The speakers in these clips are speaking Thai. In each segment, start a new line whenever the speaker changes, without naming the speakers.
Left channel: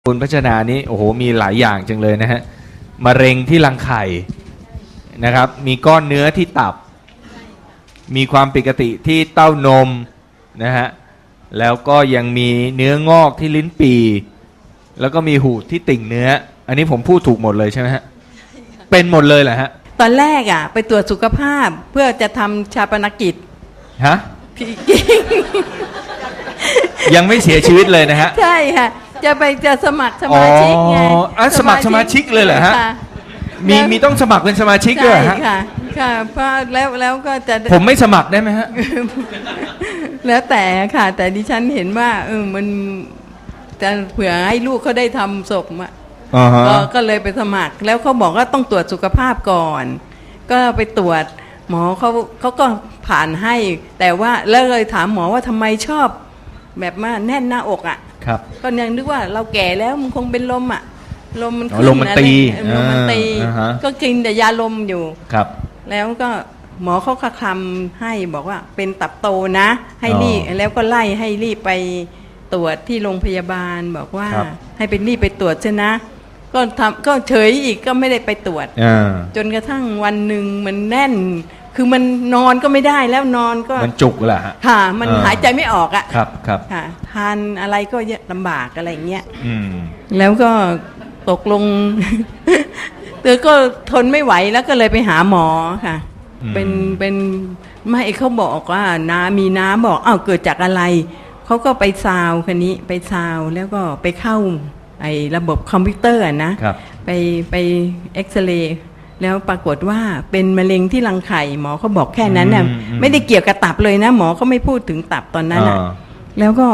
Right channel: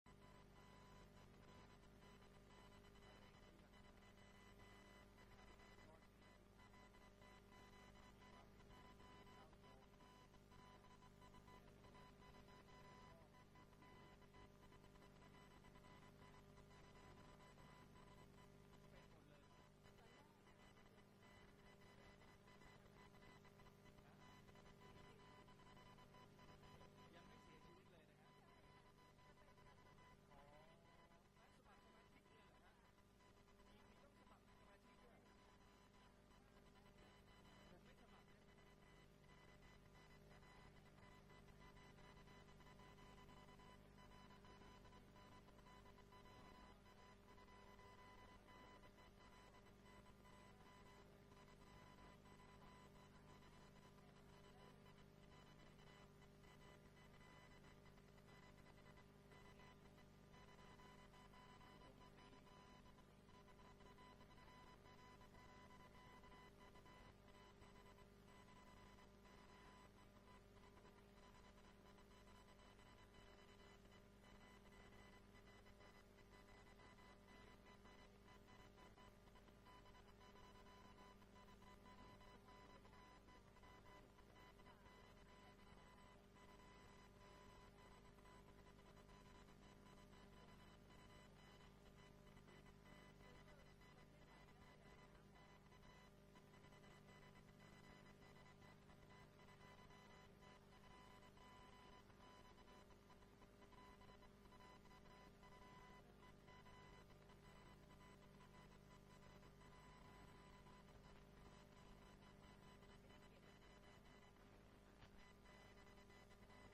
คุณพัชนานี้โอ้โหมีหลายอย่างจังเลยนะฮะมะเร็งที่รังไข่นะครับมีก้อนเนื้อที่ตับมีความผิดปกติที่เต้านมนะฮะแล้วก็ยังมีเนื้องอกที่ลิ้นปี่แล้วก็มีหูดที่ติ่งเนื้ออันนี้ผมพูดถูกหมดเลยใช่ไหมฮะเป็นหมดเลยเหรอฮะ
ตอนแรกอ่ะไปตรวจสุขภาพเพื่อจะทำชาปนกิจ
ฮะ
พี่กิ๊ก
ยังไม่เสียชีวิตเลยนะฮะ
ใช่ค่ะจะสมัครสมาชิกไง
สมัครสมาชิกเลยเหรอฮะมีต้องสมัครเป็นสมาชิกด้วยฮะ
ค่ะค่ะเพราะแล้วก็จะ
ผมไม่สมัครได้ไหมฮะ
แล้วแต่ค่ะแต่ดิฉันเห็นว่ามันจะเผื่อให้ลูกเขาได้ทำศพอ่ะก็เลยไปสมัครแล้วเขาบอกว่าต้องตรวจสุขภาพก่อนก็ไปตรวจหมอเขาก็ผ่านให้แต่ว่าแล้วเลยถามหมอว่าทำไมชอบแบบว่าแน่นหน้าอกอ่ะ
ครับ
ก็ยังนึกว่าเราแก่แล้วมันคงเป็นลมอ่ะลมมันขึ้น
ลมมันตี
ลมมันตีก็กินแต่ยาลมอยู่
ครับ
แล้วก็หมอเขาคำให้บอกว่าเป็นตับโตนะให้รีบแล้วก็ไล่ให้รีบไปตรวจที่โรงพยาบาลบอกว่าให้เป็นรีบไปตรวจใช่นะก็เฉยอีกก็ไม่ได้ไปตรวจจนกระทั่งวันหนึ่งมันแน่นคือมันนอนก็ไม่ได้แล้วนอนก็
มันจุกแหละ
ค่ะมันหายใจไม่ออกอ่ะ
ครับครับ
ค่ะทานอะไรก็ลำบากอะไรเงี้ยแล้วก็ตกลงเธอก็ทนไม่ไหวแล้วก็เลยไปหาหมอค่ะเป็นไม่เขาบอกว่ามีน้ำบอกอ้าวเกิดจากอะไรเขาก็ไปซาวคันนี้ไปซาวแล้วก็ไปเข้าไอ้ระบบคอมพิวเตอร์นะไปเอ็กซเรย์แล้วปรากฏว่าเป็นมะเร็งที่รังไข่หมอเขาบอกแค่นั้นน่ะไม่ได้เกี่ยวกับตับเลยนะหมอเขาไม่พูดถึงตับตอนนั้นน่ะแล้วก็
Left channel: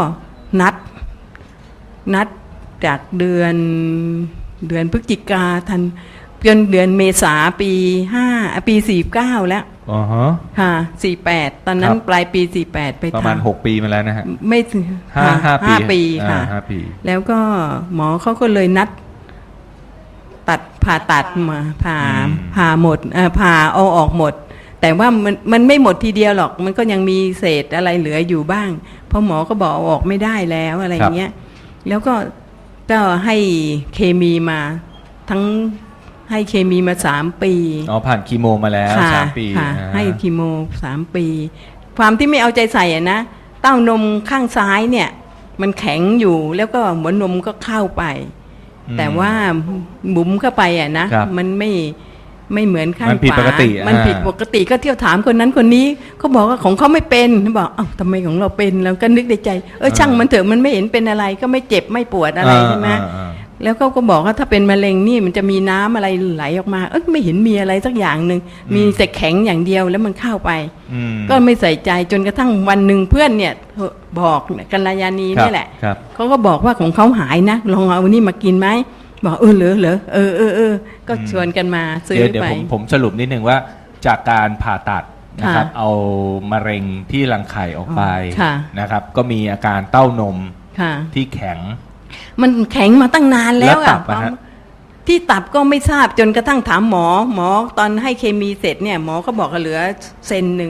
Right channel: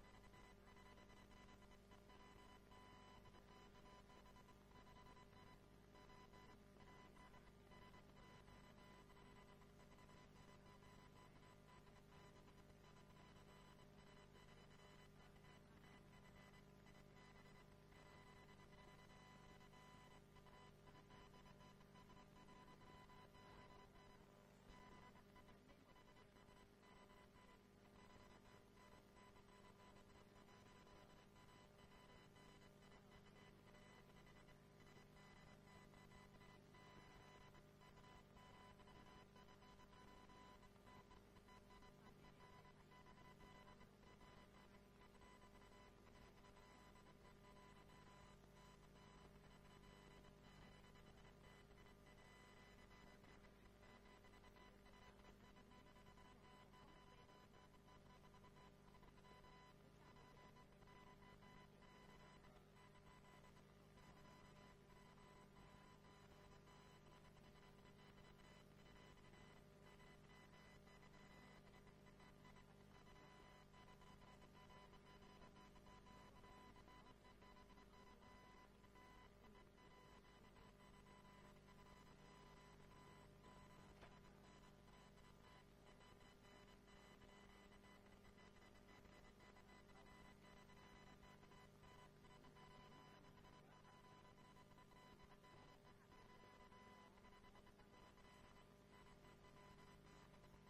นัดจากเดือนพฤศจิกาทันจนเดือนเมษาปี49แล้วค่ะ48ตอนนั้นปลายปี48ไปทำ
ประมาณ6ปีมาแล้วนะฮะ
ไม่ถึง5 ปีค่ะแล้วก็หมอเขาก็เลยนัดผ่าตัดมาผ่าหมดผ่าเอาออกหมดแต่ว่ามันไม่หมดทีเดียวหรอกมันก็ยังมีเศษอะไรเหลืออยู่บ้างเพราะหมอก็บอกเอาออกไม่ได้แล้วอะไรเงี้ยแล้วก็ให้เคมีมาทั้งให้เคมีมา3 ปี
ผ่านคีโมมาแล้ว3 ปี
ให้คีโม3 ปีความที่ไม่เอาใจใส่อ่ะนะเต้านมข้างซ้ายเนี่ยมันแข็งอยู่แล้วก็หัวนมก็เข้าไปแต่ว่าบุ๋มเข้าไปอ่ะนะมันไม่เหมือนข้างขวามันผิดปกติก็เที่ยวถามคนนั้นคนนี้เขาบอกว่าของเขาไม่เป็นบอกเอ้าทำไมของเราเป็นเราก็นึกในใจช่างมันเถอะมันไม่เห็นเป็นอะไรก็ไม่เจ็บไม่ปวดอะไรใช่ไหมแล้วก็บอกว่าถ้าเป็นมะเร็งนี่มันจะมีน้ำอะไรไหลออกมาไม่เห็นมีอะไรสักอย่างหนึ่งมีแต่แข็งอย่างเดียวแล้วมันเข้าไปก็ไม่ใส่ใจจนกระทั่งวันหนึ่งเพื่อนเนี่ยบอกกัลยาณีนี่แหละเขาก็บอกว่าของเขาหายนะลองเอานี่มากินไหมบอกเหรอก็ชวนกันมาซื้อไป
เดี๋ยวผมสรุปนิดนึงว่าจากการผ่าตัดนะครับเอามะเร็งที่รังไข่ออกไปนะครับก็มีอาการเต้านมที่แข็ง
มันแข็งมาตั้งนานแล้วอ่ะที่ตับก็ไม่ทราบจนกระทั่งถามหมอตอนให้เคมีเสร็จเนี่ยหมอก็บอกเหลือเซนหนึ่ง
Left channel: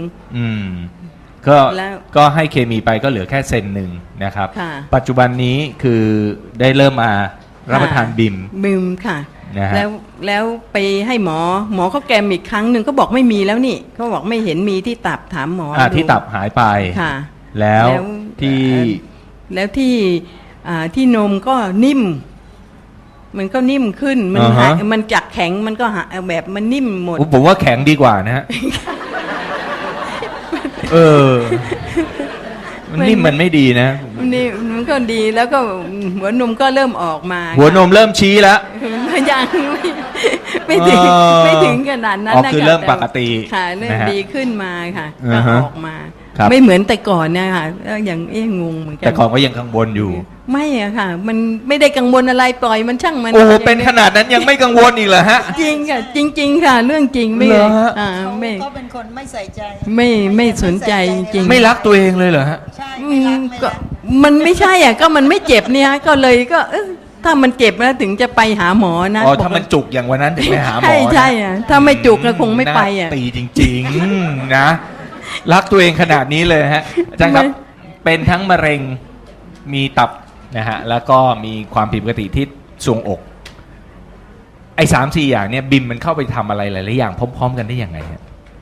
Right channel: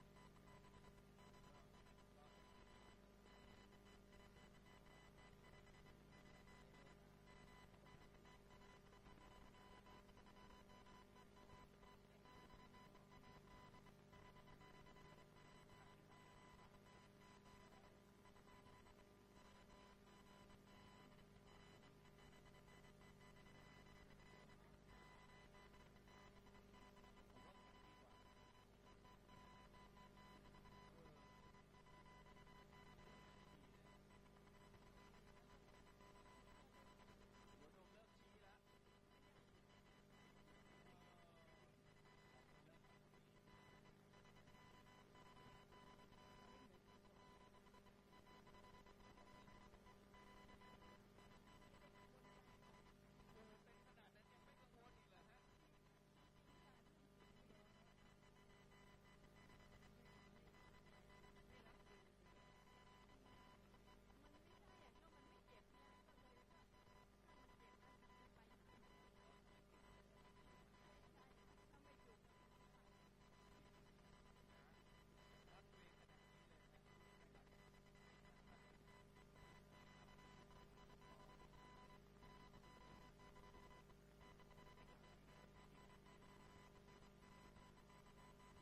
ก็ให้เคมีไปก็เหลือแค่เซนหนึ่งนะครับปัจจุบันนี้คือได้เริ่มมารับประทานบิม
ค่ะแล้วไปให้หมอเขาแกมอีกครั้งหนึ่งก็บอกไม่มีแล้วนี่เขาบอกไม่เห็นมีที่ตับถามหมอ
ที่ตับหายไป
ค่ะ
แล้ว
ที่นมก็นิ่มมันก็นิ่มขึ้นมันจากแข็งมันก็แบบมันนิ่มหมด
ผมว่าแข็งดีกว่านะฮะมันนิ่มมันไม่ดีนะ
นี่มันก็ดีแล้วก็หัวนมก็เริ่มออกมา
หัวนมเริ่มชี้แล้ว
ยังไม่ถึงขนาดนั้นนะ
คือเริ่มปกติ
ค่ะเริ่มดีขึ้นมาค่ะก็ออกมาไม่เหมือนแต่ก่อนเนี่ยค่ะอย่างงงเหมือนกัน
แต่ก่อนก็ยังกังวลอยู่
ไม่อะค่ะมันไม่ได้กังวลอะไรปล่อยมันช่างมัน
เป็นขนาดนั้นยังไม่กังวลอีกเหรอฮะ
จริงค่ะจริงค่ะเรื่องจริงไม่
ก็เป็นคนไม่ใส่ใจ
ไม่สนใจจริง
ไม่รักตัวเองเลยเหรอฮะ
ใช่
ก็มันไม่ใช่อ่ะก็มันไม่เจ็บเนี่ยก็เลยก็ถ้ามันเจ็บแล้วถึงจะไปหาหมอนะ
ถ้ามันจุกอย่างวันนั้นถึงไปหาหมอ
ใช่อ่ะถ้าไม่จุกก็คงไม่ไปอ่ะ
ตีจริงๆนะรักตัวเองขนาดนี้เลยฮะอาจารย์ครับเป็นทั้งมะเร็งมีตับนะฮะแล้วก็มีความผิดปกติที่ทรวงอกไอ้3-4 อย่างเนี่ยบิมมันเข้าไปทำอะไรหลายๆอย่างพร้อมๆกันได้ยังไงฮะ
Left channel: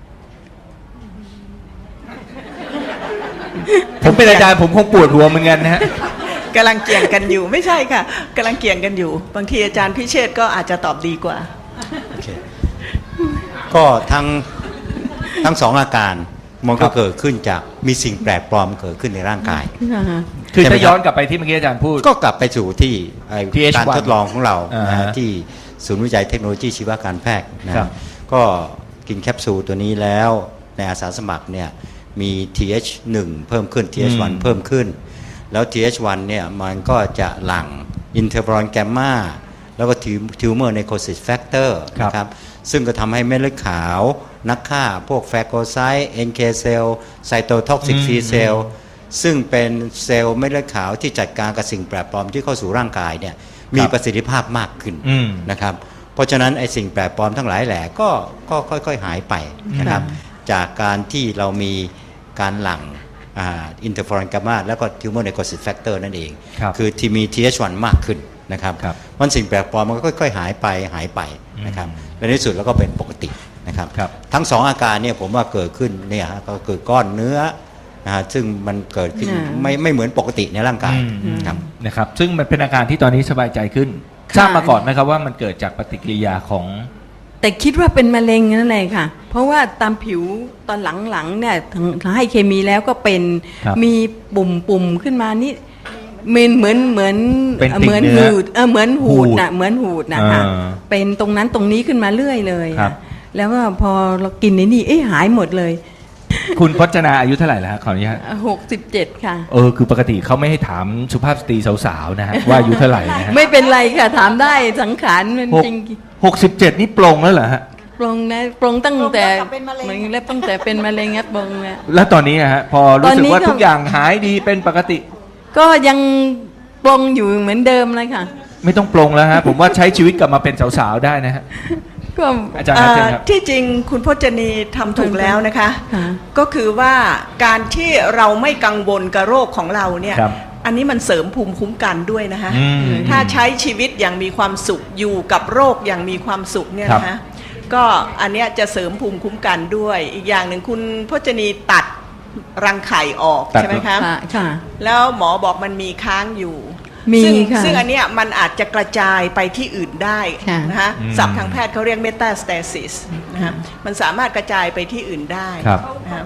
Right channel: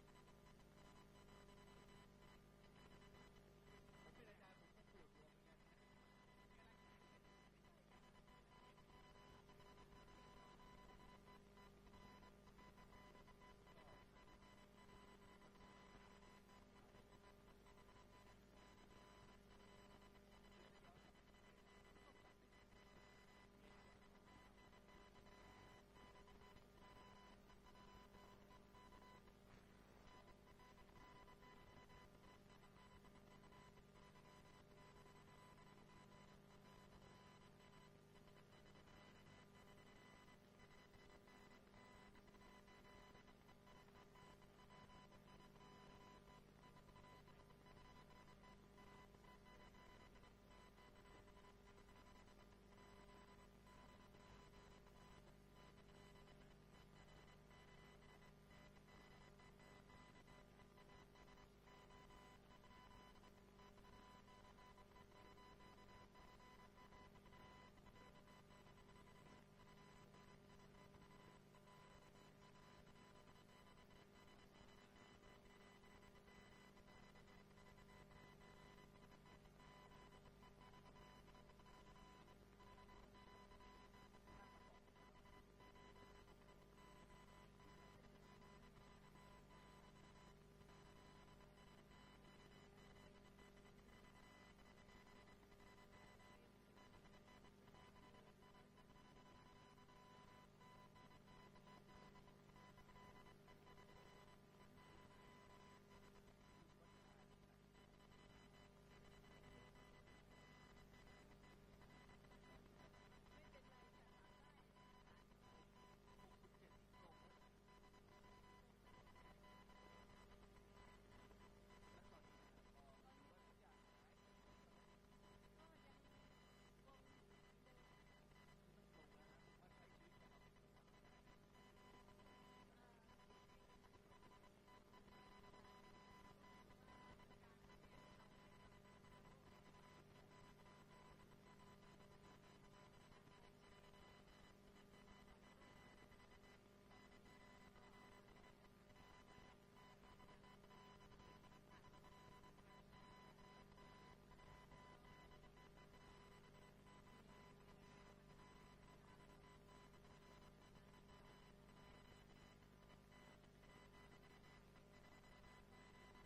ผมเป็นอาจารย์ผมคงปวดหัวเหมือนกันนะฮะ
กำลังเกี่ยงกันอยู่ไม่ใช่ค่ะกำลังเกี่ยงกันอยู่ บางทีอาจารย์พิเชษก็อาจจะตอบดีกว่า
โอเคก็ทั้งสองอาการมันก็เกิดขึ้นจากมีสิ่งแปลกปลอมเกิดขึ้นในร่างกาย
คือ
ใช่ไหม
ถ้าย้อนกลับไปที่เมื่อกี้อาจารย์พูด
ก็กลับไปสู่ที่ไอ้
TH1
การทดลองของเรานะ
อ่า
ฮะ
ฮะ
ที่ศูนย์วิจัยเทคโนโลยีชีวการแพทย์นะครับ ก็กินแคปซูลตัวนี้แล้วในอาสาสมัครเนี่ยมี TH1 เพิ่มขึ้น TH1 เพิ่มขึ้น แล้ว TH1 เนี่ยมันก็จะหลั่งอินเทอร์ฟอรอนแกมมาแล้วก็ทิวเมอร์ไนโคซิสแฟกเตอร์นะครับซึ่งก็ทำให้เม็ดเลือดขาวนักฆ่าพวกแฟโกไซต์ NK เซลล์ไซโตท็อกซิก C เซลล์ซึ่งเป็นเซลล์เม็ดเลือดขาวที่จัดการกับสิ่งแปลกปลอมที่เข้าสู่ร่างกายเนี่ยมีประสิทธิภาพมากขึ้นนะครับเพราะฉะนั้นไอ้สิ่งแปลกปลอมทั้งหลายแหล่ก็ค่อยๆหายไปนะครับจากการที่เรามีการหลั่งอินเทอร์ฟอรอนกามาแล้วก็ทิวเมอร์ไนโคซิสแฟกเตอร์นั่นเองคือที่มี TH1 มากขึ้นนะครับมันสิ่งแปลกปลอมมันก็ค่อยๆหายไปนะครับและในที่สุดแล้วก็เป็นปกตินะครับทั้งสองอาการเนี่ยผมว่าเกิดขึ้นเนี่ยก็เกิดก้อนเนื้อนะฮะซึ่งมันเกิดขึ้นไม่เหมือนปกติในร่างกายครับ
นะครับซึ่งมันเป็นอาการที่ตอนนี้สบายใจขึ้นทราบมาก่อนไหมครับว่ามันเกิดจากปฏิกิริยาของ
แต่คิดว่าเป็นมะเร็งนั่นแหละค่ะ เพราะว่าตามผิวตอนหลังๆเนี่ยให้เคมีแล้วก็เป็นมีปุ่มขึ้นมานี่เหมือน
เป็นติ่ง
เหมือน
เนื้อ
หูดเหมือนหูดนะเหมือนหูดนะคะ
อ่า
เป็นตรงนั้นตรงนี้ขึ้นมาเรื่อยเลย
ครับ
แล้วก็พอเรากินในนี่หายหมดเลย
คุณพจนาอายุเท่าไหร่แล้วฮะขออนุญาต
67 ค่ะ
คือปกติเขาไม่ให้ถามสุภาพสตรีสาวๆนะฮะว่าอายุเท่าไหร่นะฮะ
ไม่เป็นไรค่ะถามได้สังขารมันจริง
67นี่ปลงแล้วเหรอฮะ
ปรงนะปรงตั้งแต่
ปรงตั้งแต่เป็นมะเร็ง
มันแล้วตั้งแต่เป็นมะเร็งครับปรงนะ
แล้วตอนนี้อะฮะพอรู้สึกว่า
ตอนนี้ก็
ทุกอย่างหายดีเป็นปกติ
ก็ยังปรงอยู่เหมือนเดิมเลยค่ะ
ไม่ต้องปลงแล้วฮะผมว่าใช้ชีวิตกลับมาเป็นสาวๆได้นะฮะ
ก็
อาจารย์ครับเชิญครับ
ที่จริงคุณพจนีทำถูกแล้วนะคะ
ค่ะ
ก็คือว่าการที่เราไม่กังวลกับโรคของเราเนี่ย
ครับ
อันนี้มันเสริมภูมิคุ้มกันด้วยนะคะ
อืม
ถ้าใช้ชีวิตอย่างมีความสุขอยู่กับโรคอย่างมีความสุขเนี่ยนะคะก็อันเนี้ยจะเสริมภูมิคุ้มกันด้วย อีกอย่างหนึ่งคุณพจนีตัดรังไข่ออก
ตัด
ใช่ไหมคะ
ค่ะ
แล้วหมอบอกมันมีค้างอยู่
มี
ซึ่ง
ค่ะ
ซึ่งอันเนี้ยมันอาจจะกระจายไปที่อื่นได้
ค่ะ
นะคะ
อืม
ศัพท์ทางแพทย์เขาเรียกเมตาสเตซิสนะคะมันสามารถกระจายไปที่อื่นได้
ครับ
นะคะ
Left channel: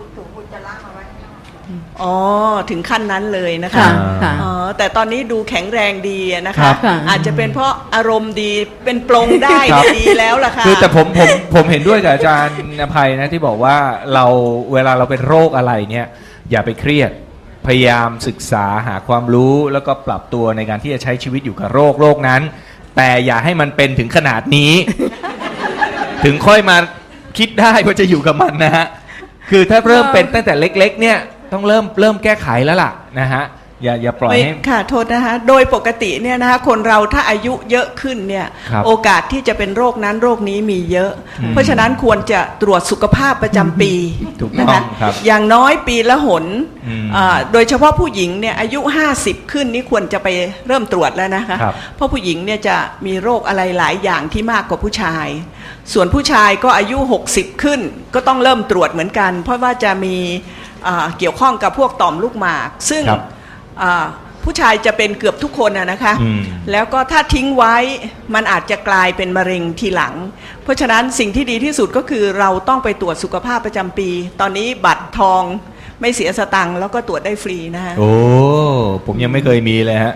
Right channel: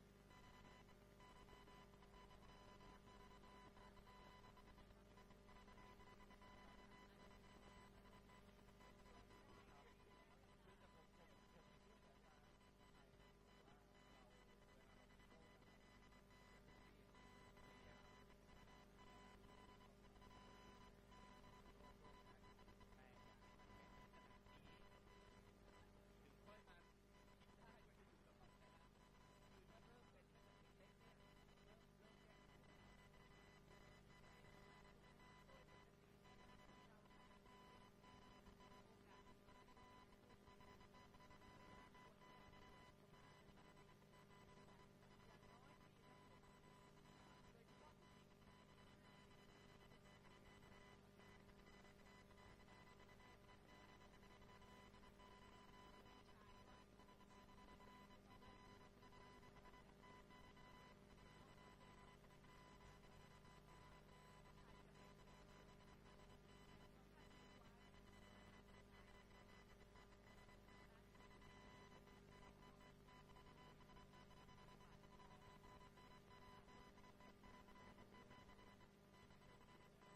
อ๋อถึงขั้นนั้นเลยนะคะ
ค่ะค่ะ
อ๋อแต่ตอนนี้ดูแข็งแรงดีนะ
ครั
คะ
บ
ค่ะ
อาจจะเป็นเพราะอารมณ์ดีเป็นปลงได้
ครับ
ดีแล้วล่ะค่ะ
คือแต่ผมเห็นด้วยกับอาจารย์อภัยนะที่บอกว่าเราเวลาเราเป็นโรคอะไรเนี่ยอย่าไปเครียดพยายามศึกษาหาความรู้แล้วก็ปรับตัวในการที่จะใช้ชีวิตอยู่กับโรคนั้น แต่อย่าให้มันเป็นถึงขนาดนี้ ถึงค่อยมาคิดได้ว่าจะอยู่กับมันนะฮะคือถ้าเริ่มเป็นตั้งแต่เล็ก ๆ เนี่ยต้องเริ่มแก้ไขแล้วล่ะนะฮะอย่าปล่อยให้
ค่ะโทษนะคะโดยปกติเนี่ยนะคะคนเราถ้าอายุเยอะขึ้นเนี่ย
ครับ
โอกาสที่จะเป็นโรคนั้นโรคนี้มีเยอะ เพราะฉะนั้นควรจะตรวจสุขภาพประจำปี
ถูก
นะ
ต้อ
คะ
งครับ
อย่างน้อยปีละหน
อืม
โดยเฉพาะผู้หญิงเนี่ยอายุ50ขึ้นนี่ควรจะไปเริ่มตรวจแล้วนะคะ
ครับ
เพราะผู้หญิงเนี่ยจะมีโรคอะไรหลายอย่างที่มากกว่าผู้ชาย ส่วนผู้ชายก็อายุ60ขึ้นก็ต้องเริ่มตรวจเหมือนกัน เพราะว่าจะมีเกี่ยวข้องกับพวกต่อมลูกหมาก ซึ่ง
ครับ
ผู้ชายจะเป็นเกือบทุกคนนะคะ
อืม
แล้วก็ถ้าทิ้งไว้มันอาจจะกลายเป็นมะเร็งทีหลัง เพราะฉะนั้นสิ่งที่ดีที่สุดก็คือเราต้องไปตรวจสุขภาพประจำปี ตอนนี้บัตรทองไม่เสียสตังค์แล้วก็ตรวจได้ฟรีนะฮะ
โอ้ผมยังไม่เคยมีเลยฮะ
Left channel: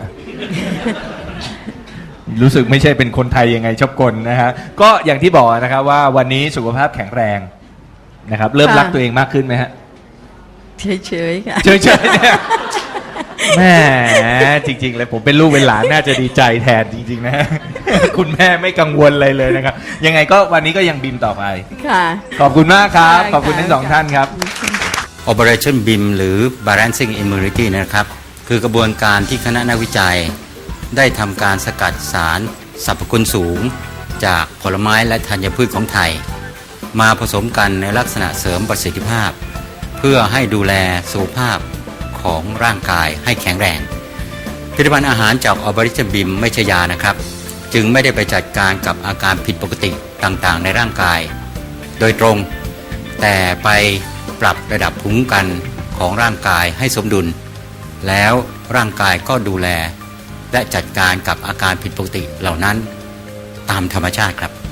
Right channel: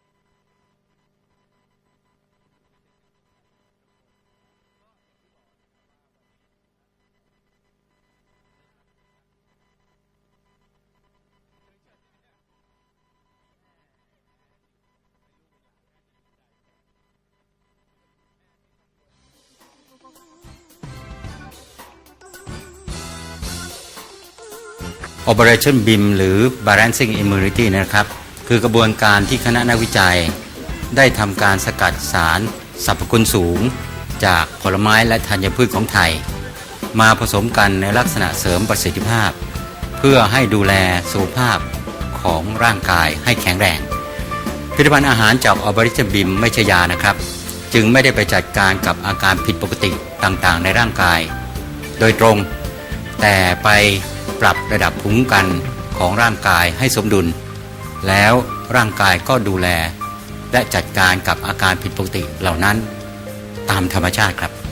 รู้สึกไม่ใช่เป็นคนไทยยังไงชอบกลนะฮะก็อย่างที่บอกนะครับว่าวันนี้สุขภาพแข็งแรงนะครับ เริ่ม
ค่ะ
รักตัวเองมากขึ้นไหมฮะ
เฉยๆค่ะ
เฉยๆเนี่ยแม่จริง ๆ เลยผมเป็นลูกเป็นหลานน่าจะดีใจแทนจริง ๆ นะ คุณแม่ไม่กังวลอะไรเลยนะครับ ยังไงก็วันนี้ก็ยังบิมต่อไป
ค่ะ
ขอบคุณมากครับ
ค่ะ
ขอบคุณทั้งสองท่านครับ
Operation BIM หรือ Balancing Immunity นะครับ คือกระบวนการที่คณะนักวิจัย ได้ทำการสกัดสารสรรพคุณสูง จากผลไม้และธัญพืชของไทย มาผสมกันในลักษณะเสริมประสิทธิภาพ เพื่อให้ดูแลสุขภาพของร่างกายให้แข็งแรงผลิตภัณฑ์อาหารจากออบริชบิมไม่ใช่ยานะครับ จึงไม่ได้ไปจัดการกับอาการผิดปกติต่างๆในร่างกายโดยตรง แต่ไปปรับระดับภูมิคุ้มกันของร่างกายให้สมดุล แล้วร่างกายก็ดูแลและจัดการกับอาการผิดปกติเหล่านั้นตามธรรมชาติครับ